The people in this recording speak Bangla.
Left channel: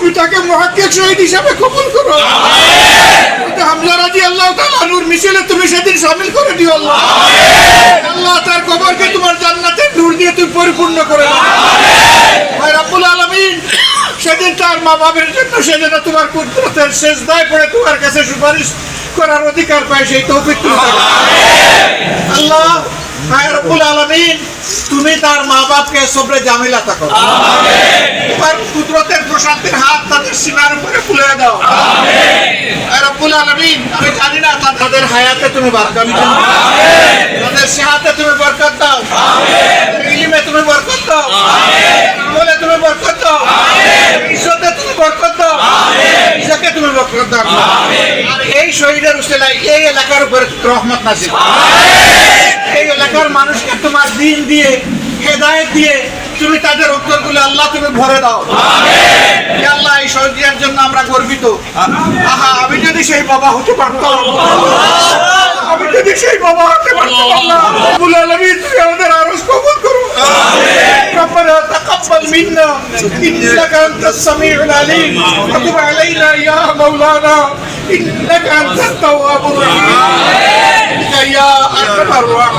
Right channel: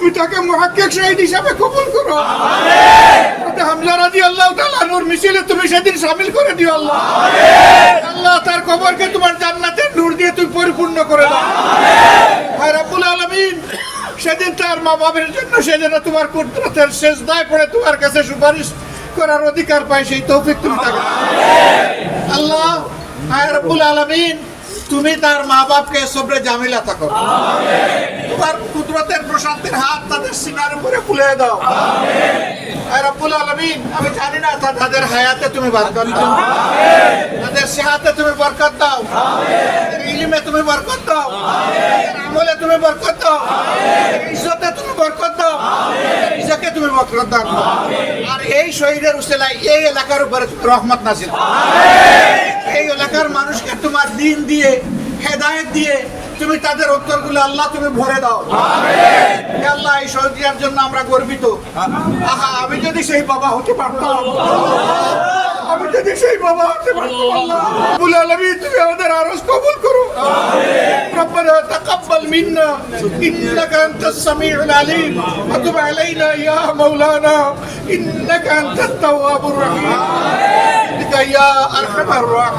তুমি তাকে হিসাবে করো। রাজি আল্লাহ নূর তুমি সেদিন করে দিও আল্লাহ। আল্লাহ তার তোমার জান্নাতের নূর দিয়ে তুমি পরিপূর্ণ করে ভাই সেদিন তার মা বাবার জন্য তোমার কুদরতের শেষ দায় পড়ে তোমার কাছে সুপারিশ করার অধিকার পায়, সেই তৌফিক আল্লাহ, ভাই রাব্বুল আলামিন, তুমি তার মা বাপকে সবরে জামিলা থাকো তোমার সীমার উপরে খুলে দাও। রব্বুল আলামিন। আমি জানি না তাদের হায়াতে তুমি বরকত দাও। তাদের সেহাতে তুমি বরকত দাও। ইলমে তুমি বরকত দাও। আমলে তুমি বরকত দাও। ইজ্জতে তুমি বরকত দাও। ইজ্জতে তুমি বরকত দাও। আর এই শহীদের উসিলায় এই এলাকার উপরে রহমত নাসিল এই এলাকার মানুষকে তোমার দিন দিয়ে হেদায়েত দিয়ে তুমি তাদের উত্তরগুলো আল্লাহ তুমি ভরে দাও হে আল্লাহ এই শহীদের জন্য আমরা গর্বিত আহা আমি যদি সেই বাবা হতে পারতাম আমি যদি সেই বাবা হতে পারতাম আল্লাহ রব্বুল আলামিন তুমি আমাদের আরজ কবুল করো ربنا تقبل منا انك انت السميع العليم وتب علينا يا مولانا انك انت التواب الرحيم يا ارحم الراحمين السلام عليكم